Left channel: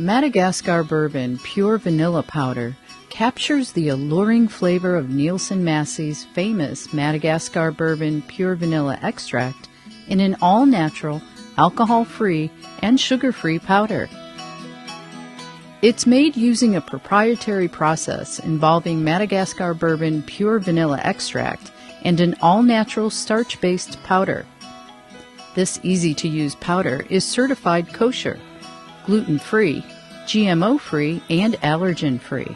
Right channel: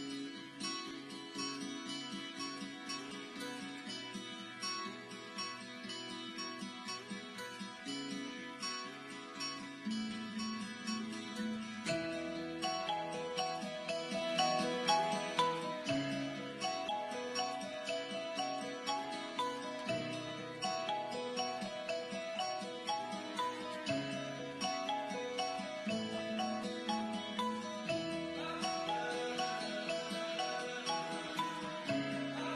Madagascar Bourbon Pure Vanilla Powder captures the alluring flavor of Nielsen-Massey's famous Madagascar Bourbon Pure Vanilla Extract in an all-natural, alcohol-free, and sugar-free powder. It's made using a proprietary process involving Madagascar Bourbon Pure Vanilla Extract and an all-natural starch-based powder. This easy-to-use powder is certified kosher, gluten-free, GMO-free, and allergen-free.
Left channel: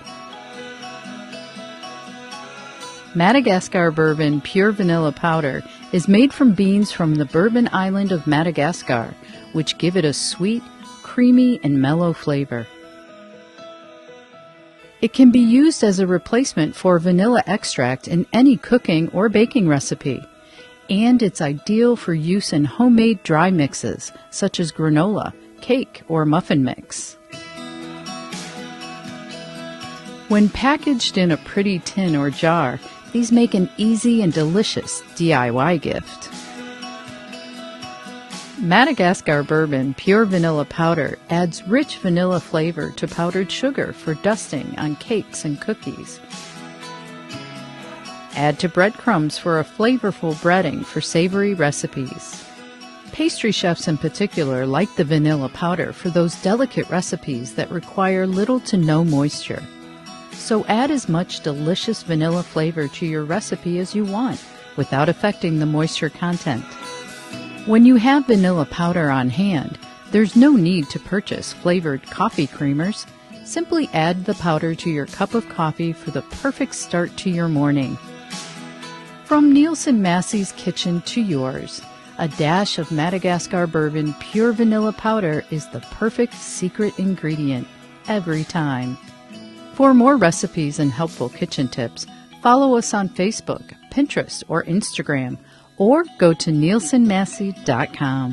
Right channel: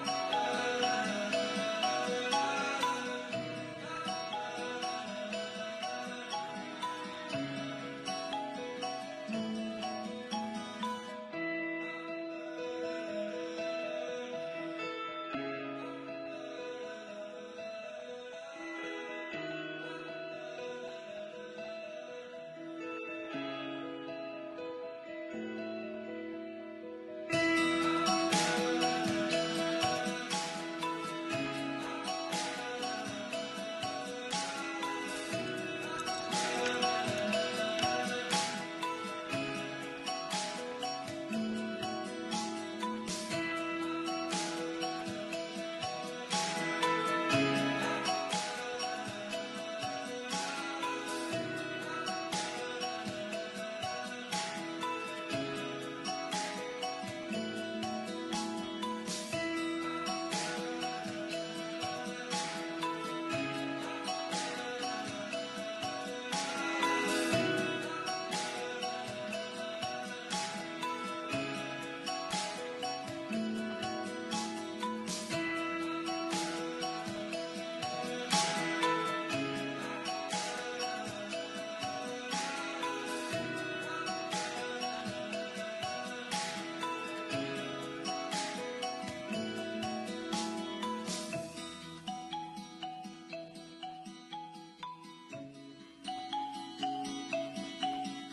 Madagascar Bourbon Pure Vanilla Powder is made from beans from the Bourbon Island of Madagascar, which give it a sweet, creamy, and mellow flavor. It can be used as a replacement for vanilla extract in any cooking or baking recipe, and it's ideal for use in homemade dry mixes such as granola, cake, or muffin mix. When packaged in a pretty tin or jar, these make an easy and delicious DIY gift. Madagascar Bourbon Pure Vanilla Powder adds rich vanilla flavor to powdered sugar for dusting on cakes and cookies. Add to breadcrumbs for a flavorful breading for savory recipes. Pastry chefs in particular like the vanilla powder for those delicate recipes that require little to no moisture. So add as much delicious vanilla flavor to your recipe as you want without affecting the moisture content. When you have vanilla powder on hand, there's no need to purchase flavored coffee creamers. Simply add the powder to your cup of coffee for the perfect start to your morning. From Nielsen-Massey's kitchen to yours, a dash of Madagascar Bourbon Pure Vanilla Powder is the perfect secret ingredient every time. For more recipes and helpful kitchen tips, follow us on Facebook, Pinterest, or Instagram, or go to Nielsen-Massey.com.